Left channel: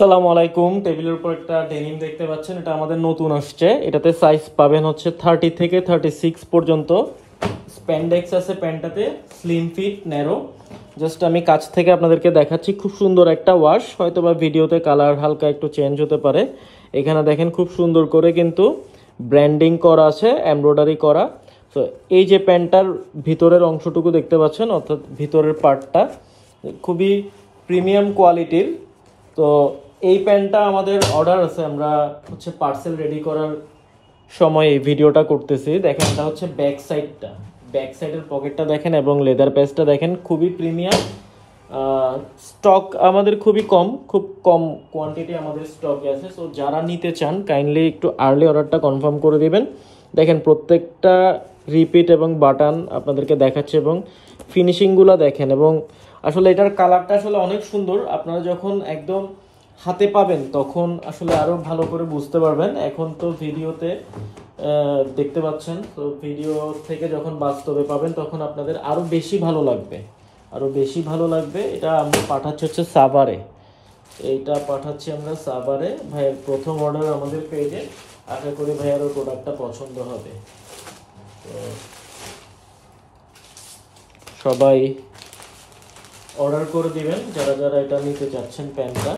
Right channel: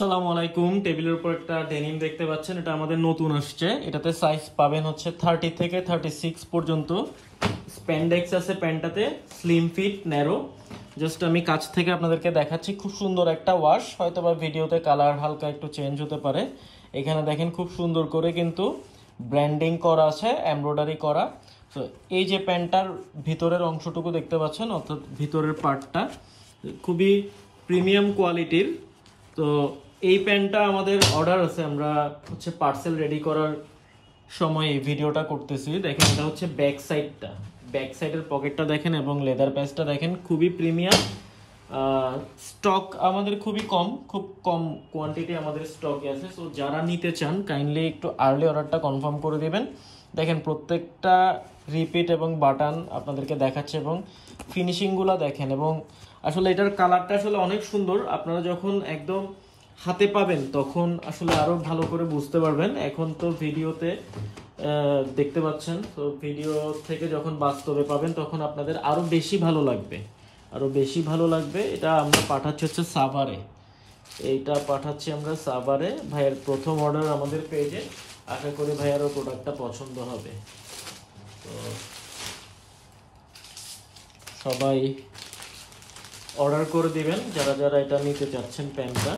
আসসালামু আলাইকুম। টেবিলের উপর একটা ডেনিম দেখতে পাচ্ছেন, এটা আমাদের নতুন আসছে। এটাতে সাইজ পাবেন হচ্ছে 30 থেকে 36 পর্যন্ত। স্প্যান্ডেক্স আছে প্যান্টটাতে, স্লিম ফিট ন্যারো। জাস্ট আমি কাছ থেকে আপনাদেরকে দেখাচ্ছি, খুব সুন্দর একটা ওয়াশ। হয়তো বা ভিডিওতে কালার হালকা একটু চেঞ্জ হতে পারে। এখানে দেখেন খুব সুন্দর করে কিন্তু ব্র্যান্ডিং করা আছে, এমব্রয়ডারি করা। তো এই যে প্যান্টটার ভিতরের অংশটুকু দেখতে পাচ্ছেন, অর্থাৎ ভিতরের পার্টটা খুবই প্রিমিয়াম কোয়ালিটির। তো এই প্যান্টটা আমাদের অর্ডার আছে, আমরা হচ্ছে পার্সেল রেডি করার সময় এই ভিডিওটা করতেছি। দেখেন এটা হচ্ছে ব্যাক সাইডটা, ব্যাক সাইডের পকেটটা দেখেন এবং লেদার প্যাচটা দেখেন, খুবই প্রিমিয়াম। স্টক আমাদের খুবই কম, খুব কম কোয়ান্টিটি আমাদের স্টকে আছে। সো যারা নিতে চান কাইন্ডলি একটু আর্লি অর্ডারটা কনফার্ম করে দিবেন। দেখেন প্রত্যেকটা রিপিট এবং বাটন আপনাদেরকে দেখাচ্ছে এবং ফিনিশিংগুলো দেখেন। এবং আসলে এটার কালারটা আসলে অনেক সুন্দর। আপনারা যখন একদম হাতে পাবেন তখন আসলে আরো ভালো করে বুঝতে পারবেন। এখন তো ভিডিওতে দেখতে পাচ্ছেন, তো ভিডিও থেকে যখন বাস্তবে পাবেন তখন আপনাদের আরো বেশি ভালো লাগবে, আরো বেশি ভালো লাগবে। এটা আমরা পাঠাচ্ছি হচ্ছে সাভারে, এইটা পাঠাচ্ছি আমরা সাভারে। ভাইয়ের প্রথম অর্ডার আমাদের পেজে, আশা করি ভাইয়ারও প্রোডাক্টটা পছন্দ হবে। তো সবাই অর্ডার করে দিবেন যারা যারা এটা নিতে চাচ্ছেন প্যান্টটা।